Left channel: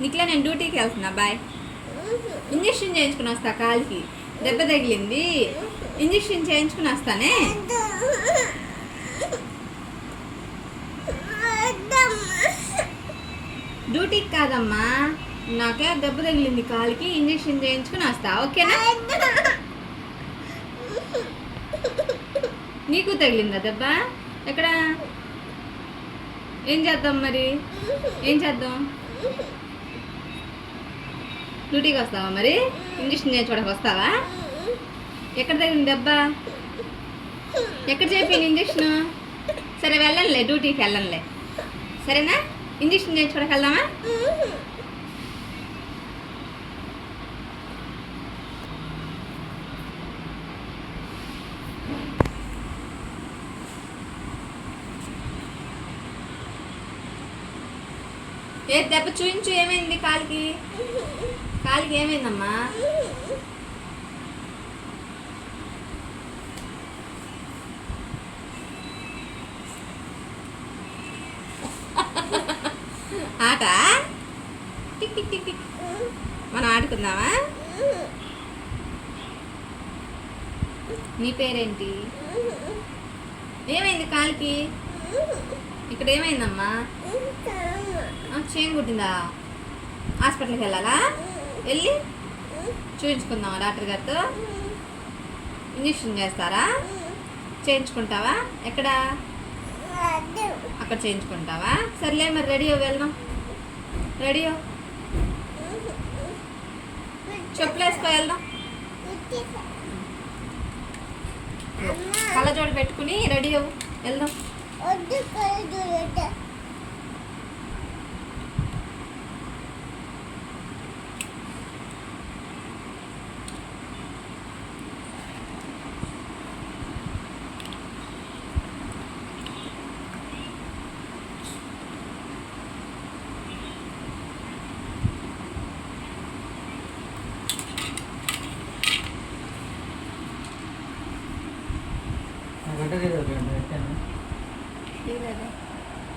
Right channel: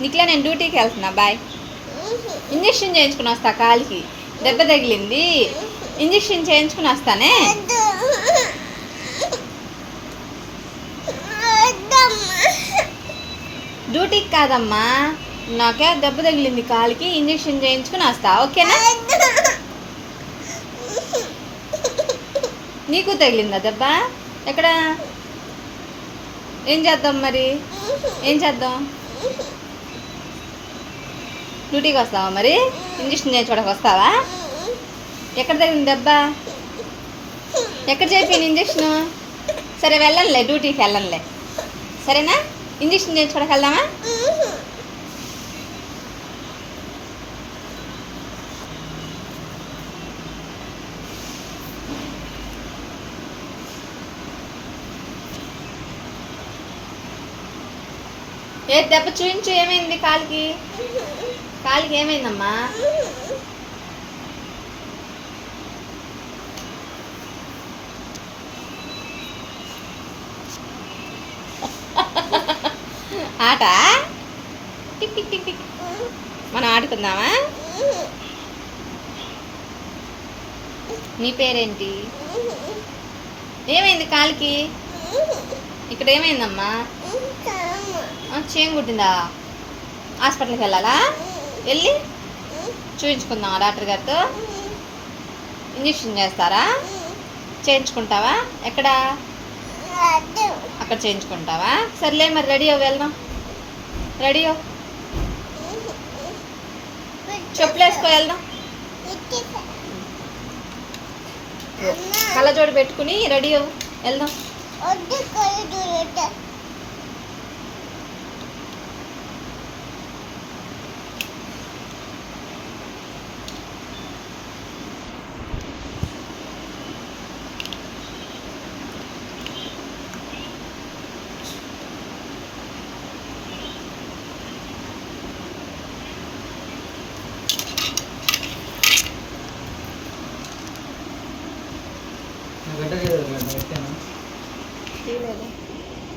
నీకులే నేను డ్యూటీకి వెళ్తున్నా బాయ్. ఇంజక్షన్ చేయించుకుని వస్తా, కాలికి దెబ్బ తగిలింది. ఇంజక్షన్ చేయించుకుని వస్తానే. డ్యూటీకి కాదమ్మా, నాకే దెబ్బ తగిలింది కాలికి, ఇంజక్షన్ చేయించుకుని వస్తా, ఓకేనా? నీకు తగిలిందా దెబ్బ? ఎక్కడ? ఏం చేద్దాం మరి? ఏం చేద్దాం? డ్యూటీకి వస్తావా మరి? ఇంజక్షన్ చేయించుకోవడానికి వస్తావా? ఎక్కడ తగిలింది దెబ్బ? ఎక్కడ చేయించాను ఇంజక్షన్? సరే వెళ్ళనులే, డ్యూటీకి వెళ్ళనులే, సరేనా? ఇంజక్షన్ చేయించుకోవడానికి వెళ్దామా? ఏ దెబ్బ చూయించు, ఏమైంది కాలికి? కాలికి ఏమైందమ్మా? ఆట టిక్ టిక్ టిక్ టిక్. మనం ఆడుకుందామా? నీ పేరేంటి? ఏమైంది కాలికి? ఇక్కడ ఏమైందమ్మా? చేయం కుట్టిందా? హాస్పిటల్కి వెళ్ళాలా? వెళ్ళి చూపించుకుందామా డాక్టర్ గారితో? ఇంజక్షన్ చేస్తారా? చేయించుకుంటావా? ఎక్కడ? అక్కడ చేయించుకుంటావా? సర్లే మరి రెడీ అవ్వ, వెళ్దాం. రెడీ అవ్వ, చెప్పులు వేసుకో, వెళ్దాం. కళ్ళజోడు పెట్టుకుని రెడీ అవ్వు, వెళ్దాం. గంట పెట్టాను.